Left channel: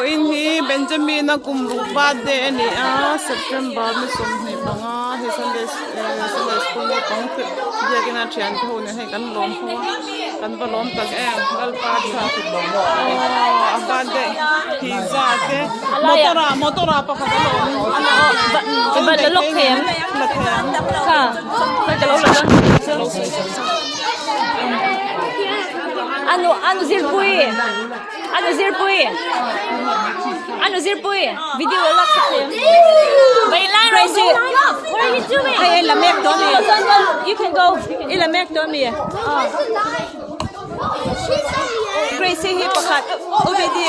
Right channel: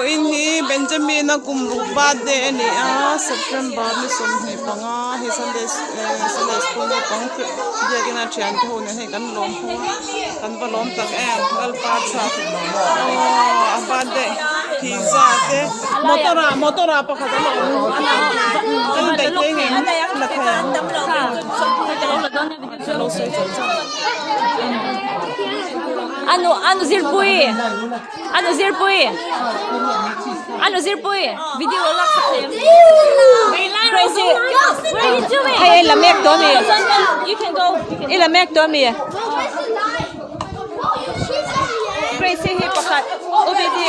po ini Benjamin na kumrupa de ni September ni somhi panga he Sunday school na pang dia kina chen ko ni he kan lom hawa kan ba lom tak gal pa sa bade pizza te motora pa ka lom ana ba de lok the la Ano zilpui? Video wala sa akin. Bailay, Rosie. What are you doing? Hey, lamek doon eh. You can go. Lamek doon eh. Crazy hipakat. Tumedi.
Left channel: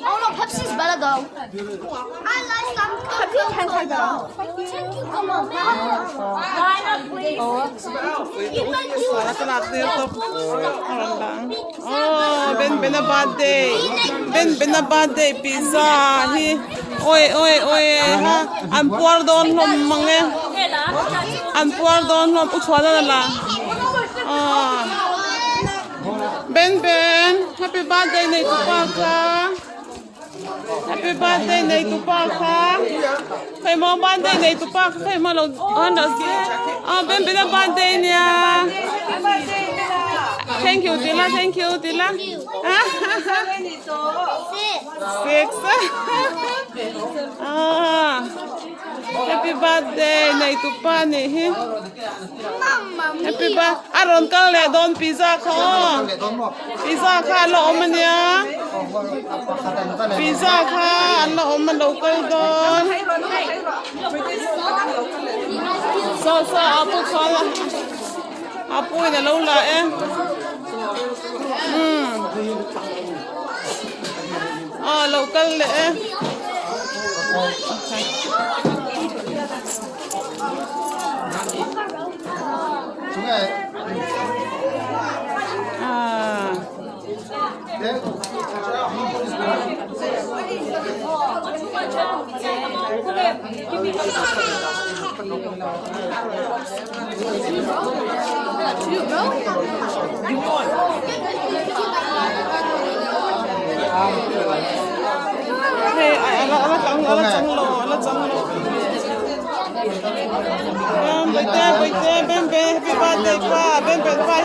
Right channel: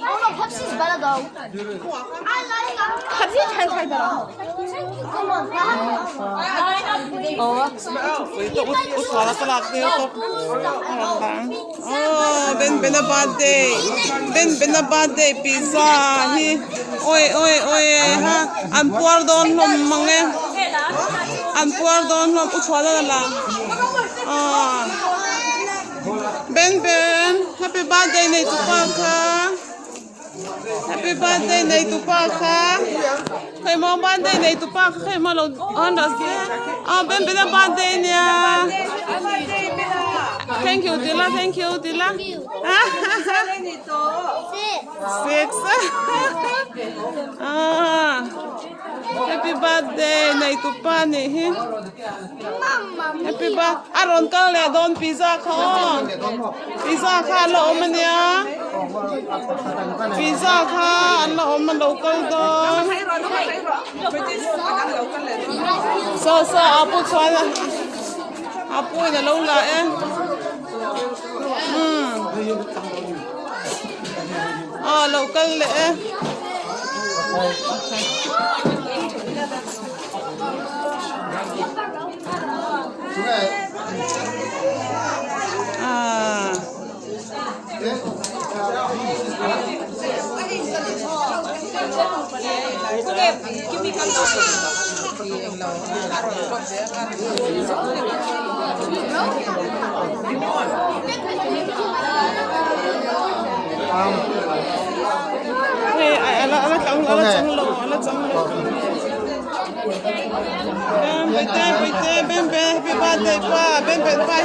Oh no, Pepsi's better though. I like Pepsi 10 times better. uswala ka lang din ko ben abade pizza hi oi ha am por don lom mange am por don lom uswala na ben happy birthday na ito pa ka. Happy birthday na ito pa ka. Kay mo birthday na ito pa ka. Kay mo lang hanas. Ben birthday niya. Thank you, Dila. Six. Happy birthday na ito pa ni. Happy birthday. Aron ka le don pizza ka. Pizza ka lo man niya. Pizza ka lo man local don. So apo sala. Apo niya lo la local le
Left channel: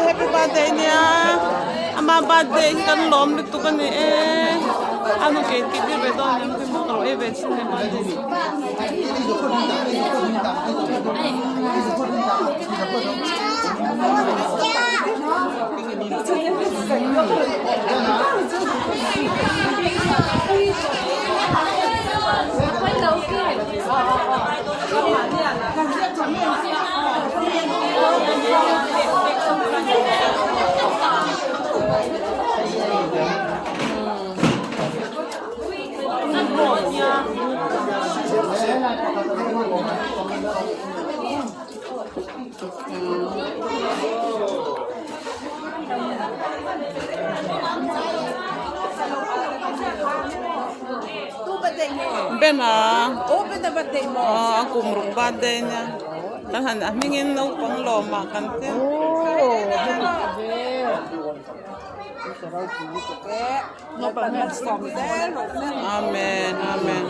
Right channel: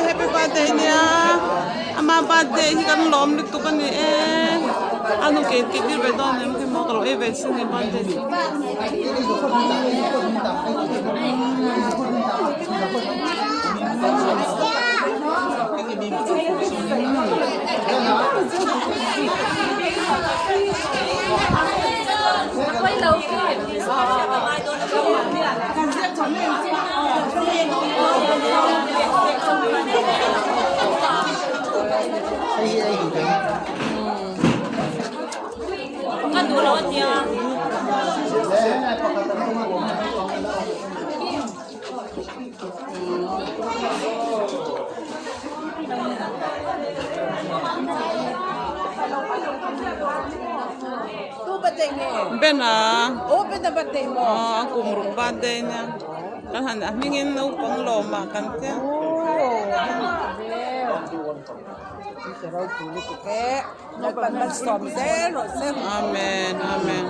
happy birthday niya. Ama birthday kan lom dito kan ano kay TV bedo ning ko mo ko e bet sin birthday. birthday mo. Ako birthday niya. Tahan mingin na upang loma kan ke. Amen.